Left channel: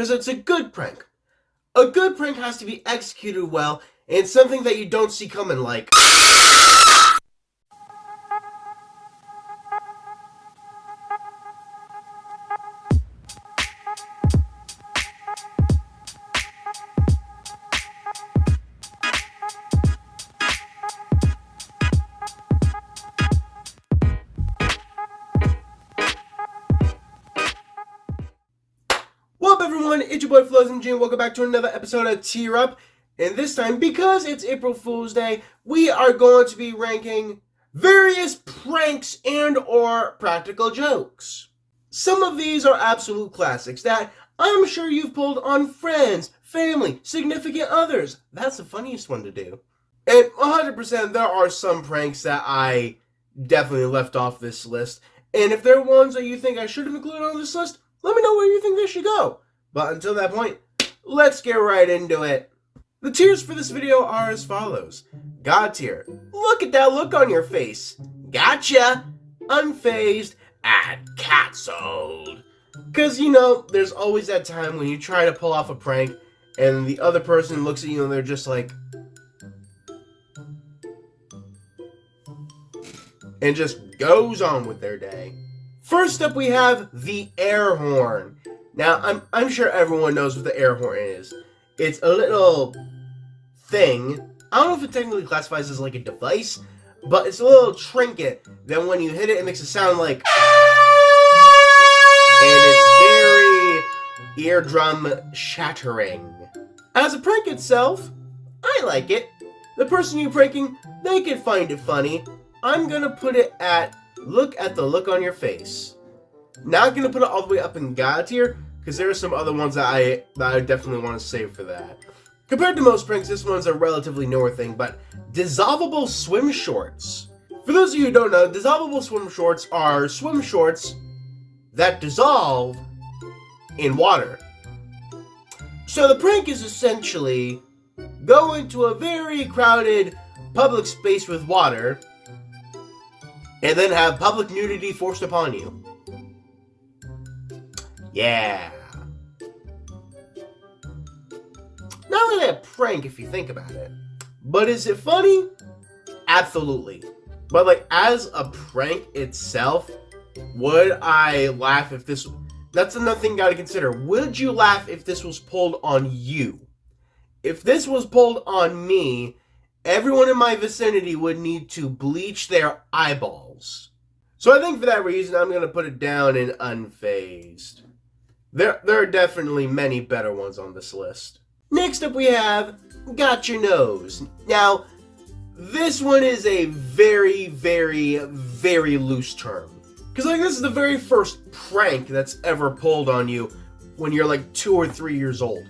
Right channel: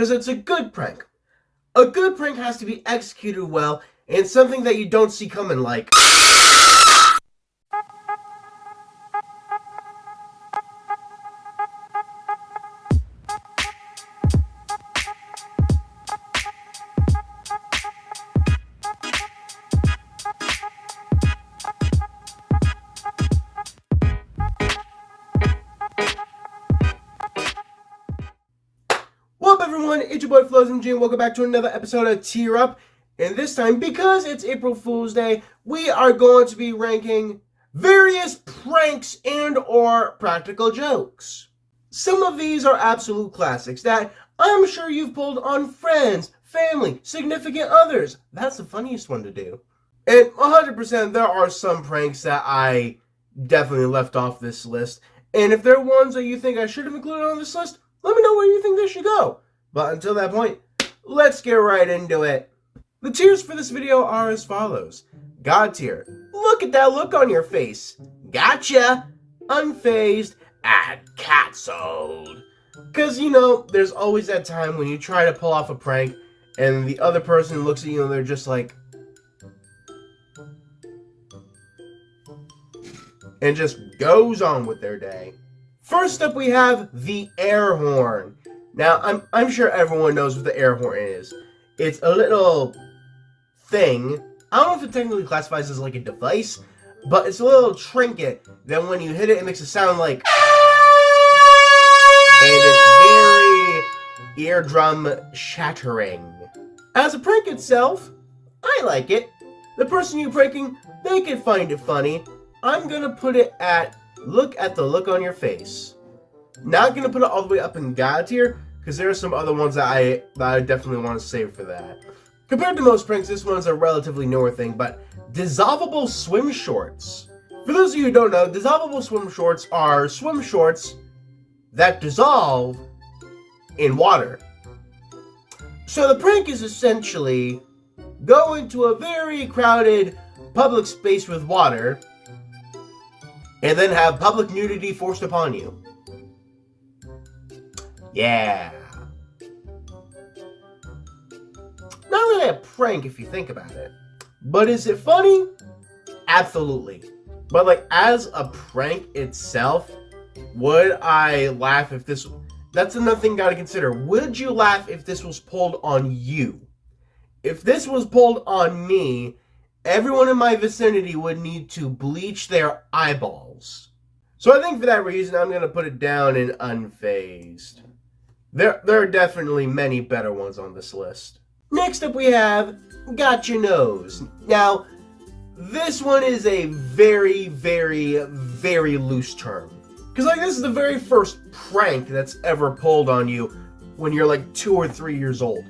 because it's a good prank. A good prank has to be executed well, and something that you don't see coming, like... What up, everyone? It's your boy Floz and welcome back to another episode of Tear Up. And this time, because it's April Fool's Day, we are going to be ranking various pranks and or practical jokes. Some of these are absolute classics that I'm sure you've pulled on friends, family, significant others. That's the funniest one to do. And 100% there are some pranks that I definitely left off this list. And if there are ones that you think I should have included on this list, let me know where you think they should go. But until that point, let's get right into it. The tiers for this video are as follows. God tier. Look at that look on your face. Gotcha. Unfazed. And cancelled. Because, you know, there's always that time when you try to pull off a prank and the other person looks at you and they're just like... and just goes on with their day. First up, we have the air horn. Now, I'm sure everyone knows what the air horn is. It's a little thing. I don't know if it technically classifies as like a device, but it's a little trinket that when you hit it, it makes a sound like... and it's very eardrum shattering. As a prank itself, I like it. The person you're pranking, they can find it funny. I'm gonna put it at... look at the look on your face. Not gonna put it all the way up in God tier, because there are some other ones that I definitely want to save for that. Compared to most pranks, this one's a relatively newer thing, but dissolvable swim shorts. For those of you who don't know, dissolvable swim shorts are swim shorts that dissolve in water. So the prank is essentially go into a very crowded public space with water, and then have public nudity forced upon you. Yeah. Not really a prank if you think about it. But is it funny? Absolutely. But like, as a prank itself, would I laugh if this... that's another thing you gotta consider. Would you laugh if this was pulled on you? If this was pulled on me, everyone in my vicinity would need to bleach their eyeballs. So I think for that reason, I'm going to put it down in unfazed. There are definitely many better ones on this list. Next up we have got your nose. Now, this one is a very, very, very loose term. Because like this is the very first prank that's ever pulled on you when you're like 2 or 3 years old.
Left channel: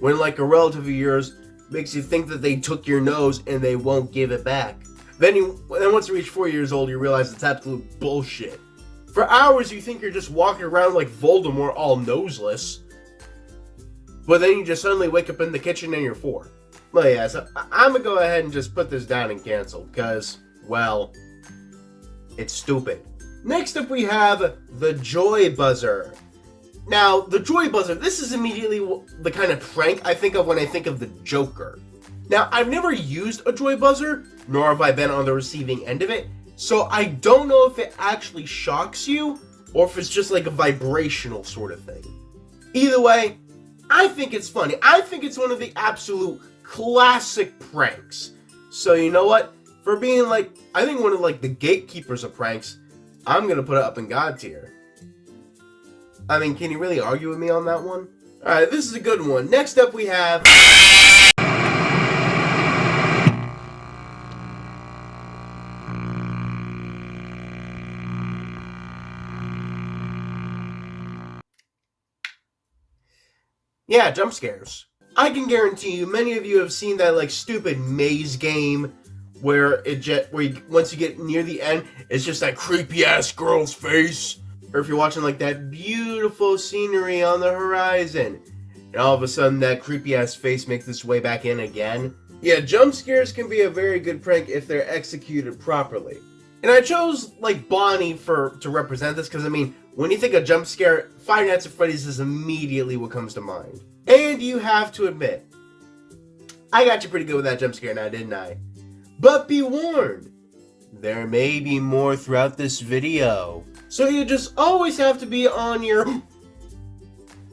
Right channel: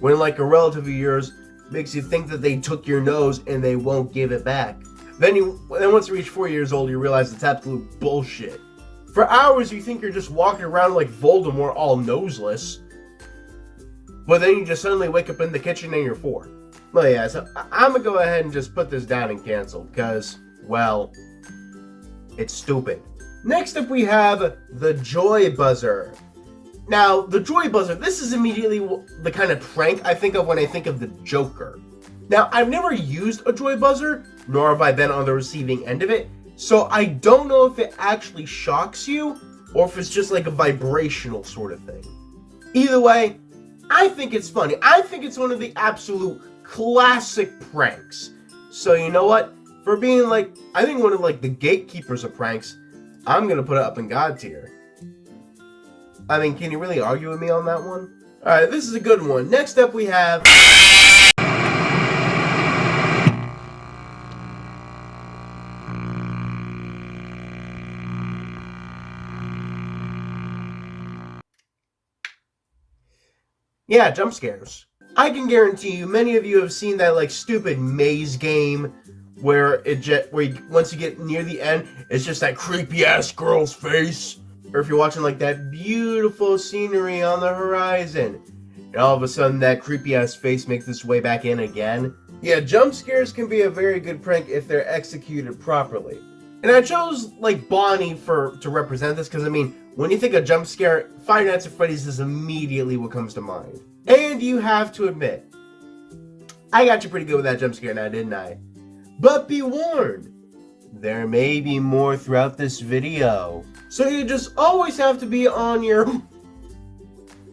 When like a relative of yours makes you think that they took your nose and they won't give it back. Then once you reach 4 years old, you realize it's absolute bullshit. For hours, you think you're just walking around like Voldemort all noseless. But then you just suddenly wake up in the kitchen and you're 4. But yeah, so I'm going to go ahead and just put this down and cancel. Because, well, it's stupid. Next up, we have the joy buzzer. Now, the joy buzzer, this is immediately the kind of prank I think of when I think of the Joker. Now, I've never used a joy buzzer, nor have I been on the receiving end of it, so I don't know if it actually shocks you, or if it's just like a vibrational sort of thing. Either way, I think it's funny. I think it's one of the absolute classic pranks. So you know what? For being like, I think one of like the gatekeepers of pranks, I'm gonna put it up in God tier. I mean, can you really argue with me on that one? Alright, this is a good one. Next up we have... yeah, jump scares. I can guarantee you, many of you have seen that like stupid maze game where once you get near the end, it's just that creepy ass girl's face. Or if you're watching like that beautiful scenery on the horizon, and all of a sudden that creepy ass face makes its way back in again. Yeah, jump scares can be a very good prank if they're executed properly. And I chose like Bonnie to represent this because I mean, When you think of jump scare, Five Nights at Freddy's is immediately what comes to mind. And you have to admit, I got you pretty good with that jump scare now, didn't I? But be warned, there may be more throughout this video. So you just always have to be on your...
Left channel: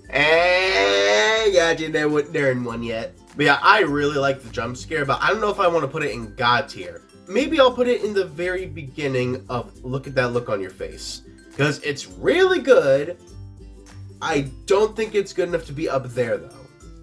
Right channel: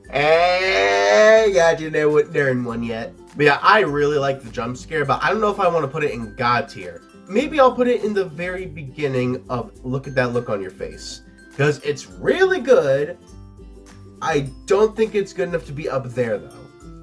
Hey, got you there in one yet. But yeah, I really like the jump scare, but I don't know if I want to put it in God tier. Maybe I'll put it in the very beginning of look at that look on your face. Because it's really good. I don't think it's good enough to be up there though.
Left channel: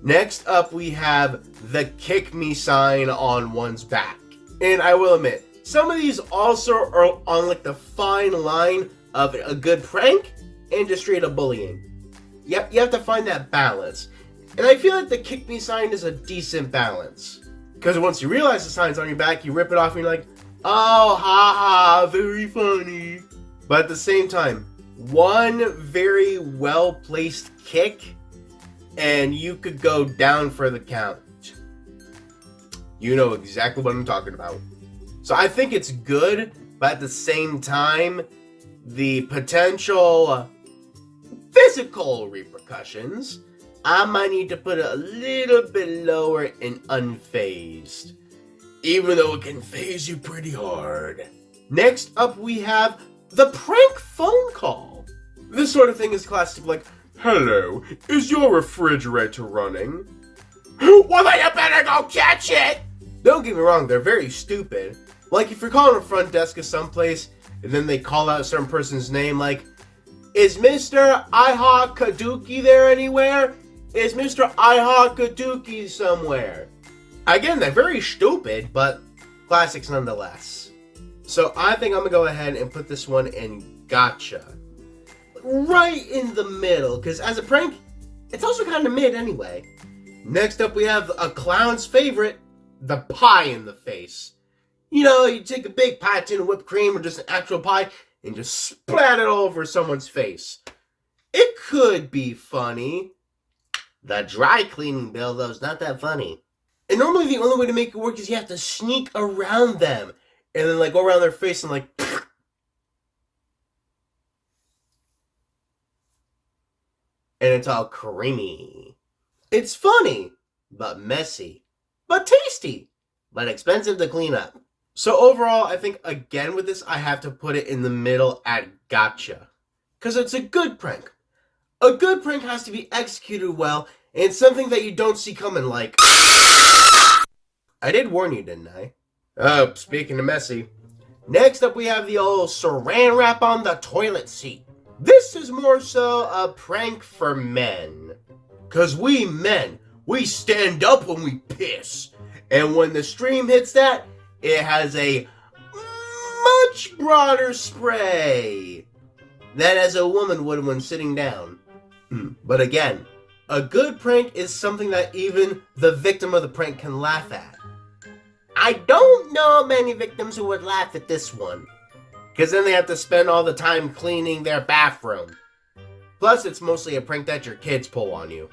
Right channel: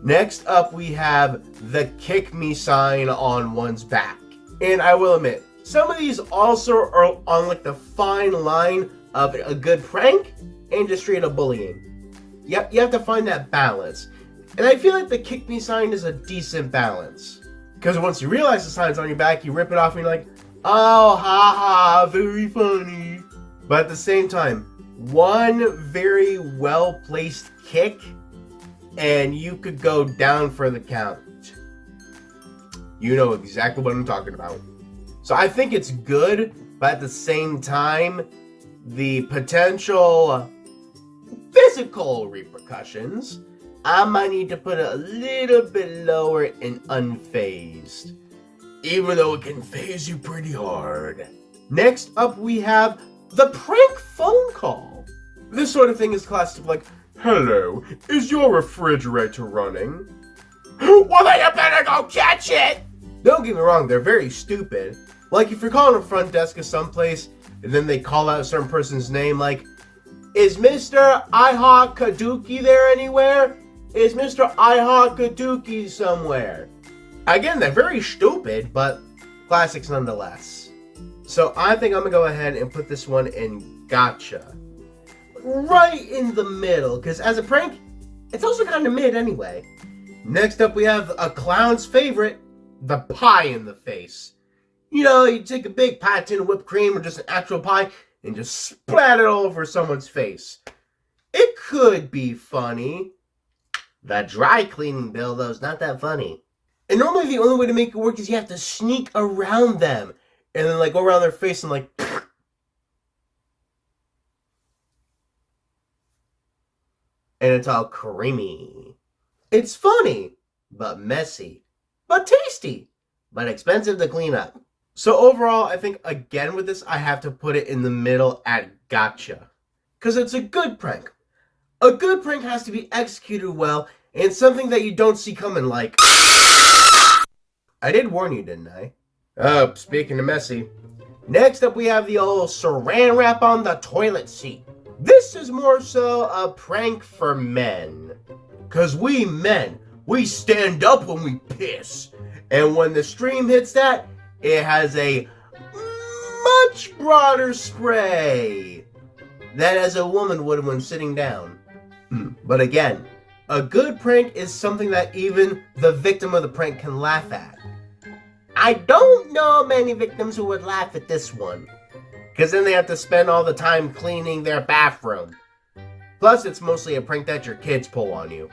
Next up we have the kick me sign on one's back. And I will admit, some of these also are on like the fine line of a good prank and just straight up bullying. Yep, you have to find that balance. And I feel like the kick me sign is a decent balance. Because once you realize the sign's on your back, you rip it off and you're like, oh, haha, very funny. But at the same time, one very well-placed kick, and you could go down for the count. You know exactly what I'm talking about. So I think it's good, but at the same time, the potential physical repercussions, I might need to put it a little bit lower in unfazed. Even though it can phase you pretty hard. Next up we have the prank phone call. This sort of thing is classic, like, hello, is your refrigerator running? Well, then you better go catch it! Don't get me wrong, they're very stupid. Like, if you're calling a front desk of someplace, and then they call out a certain person's name, like, is Mr. Iha Kaduki there anywhere? Is Mr. Iha Kaduki somewhere? Again, they're very stupid, but classics nonetheless. So I think I'm going to go ahead and put this one in gotcha. Right in the middle, because as a prank, it's also kind of mid anyway. Next up we have a clown's favorite, the pie in the face. You know, you take a big pie tin of whipped cream or just an actual pie and just splat it all over someone's face. It could be funny. The dry cleaning bill, though, is not that funny. And normally the only way to make it work is you have to sneak around them. And then, like, go around their face and, like... And it's all creamy. It's funny, but messy. But tasty, but expensive to clean up. So overall, I think, again, with this, I have to put it in the middle at gotcha. Because it's a good prank. A good prank has to be executed well, and something that you don't see coming, like... I did warn you, didn't I? Oh, speaking of messy. Next up, we have the old saran wrap on the toilet seat. This is more so a prank for men. Because we men, we stand up when we piss. And when the stream hits that, it has a much broader spray than as a woman would when sitting down. But again, a good prank is something that even the victim of the prank can laugh at. I don't know many victims who would laugh at this one. Because then they have to spend all the time cleaning their bathroom. Plus, it's mostly a prank that your kids pull on you.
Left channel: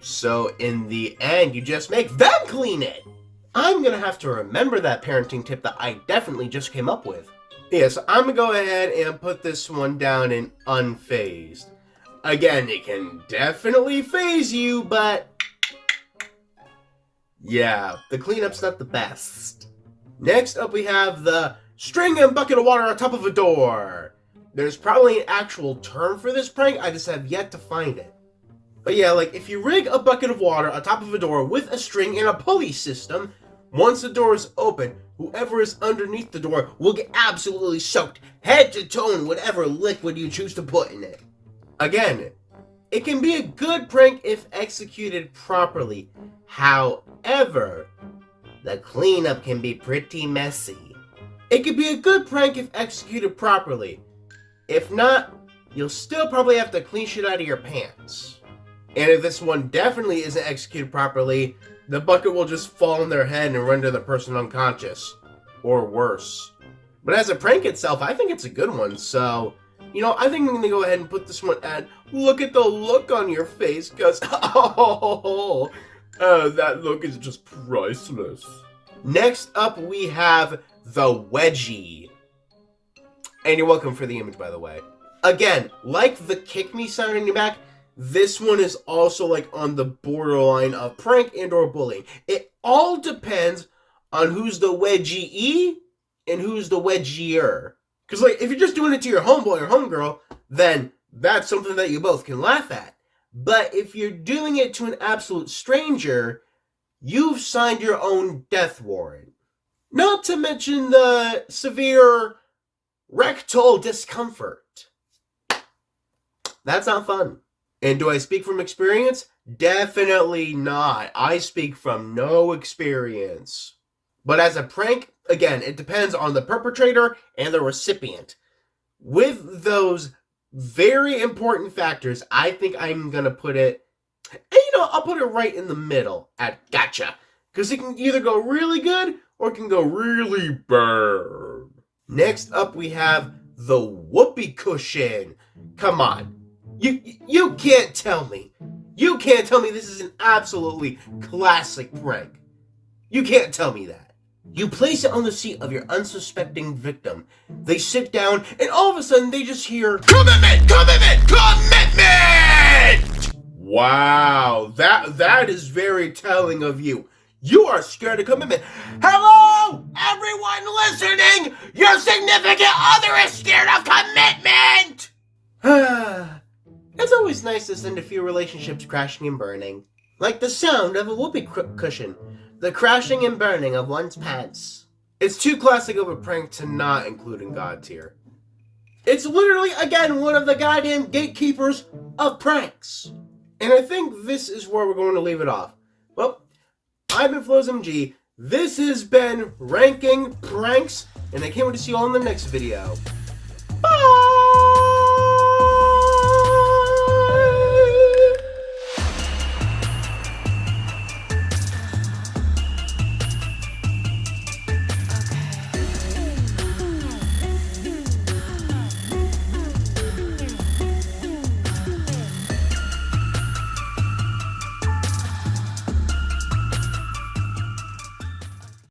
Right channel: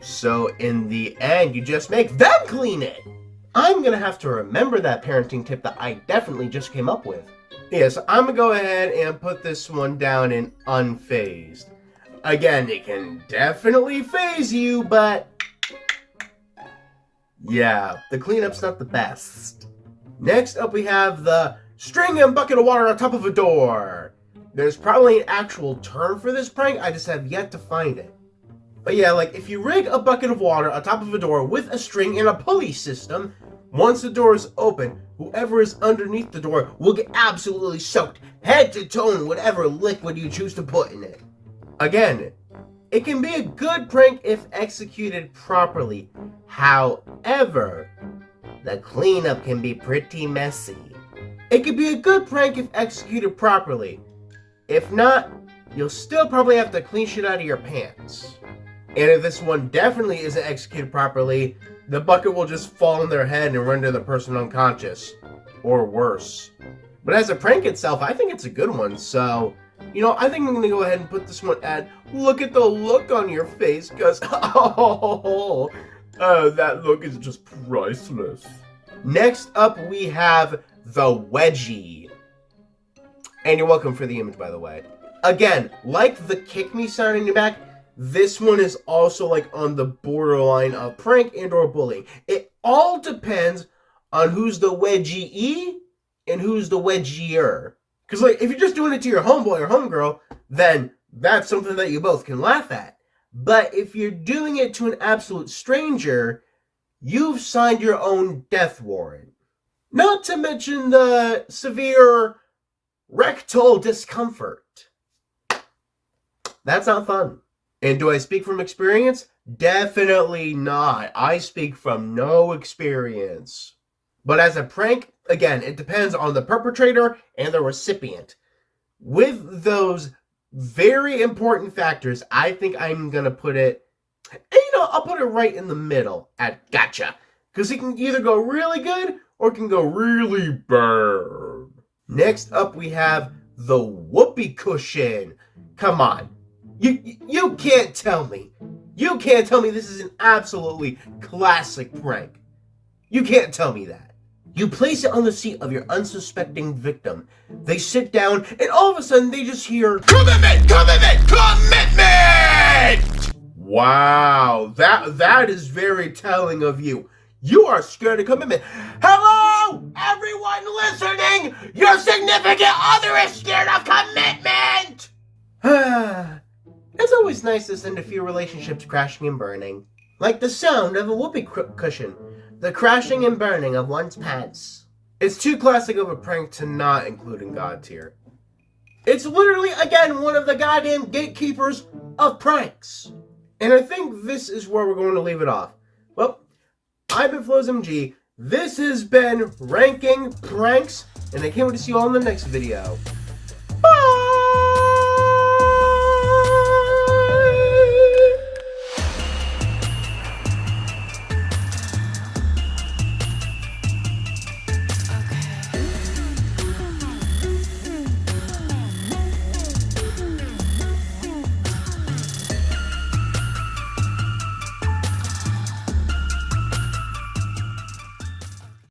So in the end, you just make them clean it. I'm going to have to remember that parenting tip that I definitely just came up with. Yes, I'm going to go ahead and put this one down in unfazed. Again, it can definitely phase you, but... yeah, the cleanup's not the best. Next up we have the string and bucket of water on top of a door. There's probably an actual term for this prank, I just have yet to find it. But yeah, like if you rig a bucket of water on top of a door with a string and a pulley system, once the door is open, whoever is underneath the door will get absolutely soaked, head to toe in whatever liquid you choose to put in it. Again, it can be a good prank if executed properly. However, the cleanup can be pretty messy. It can be a good prank if executed properly. If not, you'll still probably have to clean shit out of your pants. And if this one definitely isn't executed properly, the bucket will just fall on their head and render the person unconscious. Or worse. But as a prank itself, I think it's a good one, so... you know, I think I'm going to go ahead and put this one at, look at the look on your face, because, oh, that look is just priceless. Next up, we have the wedgie. And you're welcome for the image, by the way. Again, like the kick me sound in your back, this one is also like on the borderline of prank and or bullying. It all depends on who's the wedgie and who's the wedgier. Because like if you're just doing it to your homeboy or homegirl, then that's something that you both can laugh at. But if you're doing it to an absolute stranger, you've signed your own death warrant. Not to mention the severe rectal discomfort. That's not fun. And do I speak from experience? Definitely not. I speak from no experience. But as a prank, again, it depends on the perpetrator and the recipient. With those very important factors, I think I'm going to put it, and I'll put it right in the middle at gotcha. Because it can either go really good or it can go really bad. Next up, we have the whoopee cushion. Come on. You can't tell me. You can't tell me this is an absolutely classic prank. You can't tell me that. You place it on the seat of your unsuspecting victim. They sit down, and all of a sudden they just hear, "Commitment! Commitment! Commitment!" Wow, that is very telling of you. You are scared of commitment. Hello, everyone listening! Your significant other is scared of commitment! It's always nice to send a few relationships crashing and burning. Like the sound of a whoopee cushion. The crashing and burning of one's pants. It's too classic of a prank to not include in God tier. It's literally, again, one of the goddamn gatekeepers of pranks. And I think this is where we're going to leave it off. Well, I've been Floz MG. This has been Ranking Pranks. And I can't wait to see you all in the next video. Bye!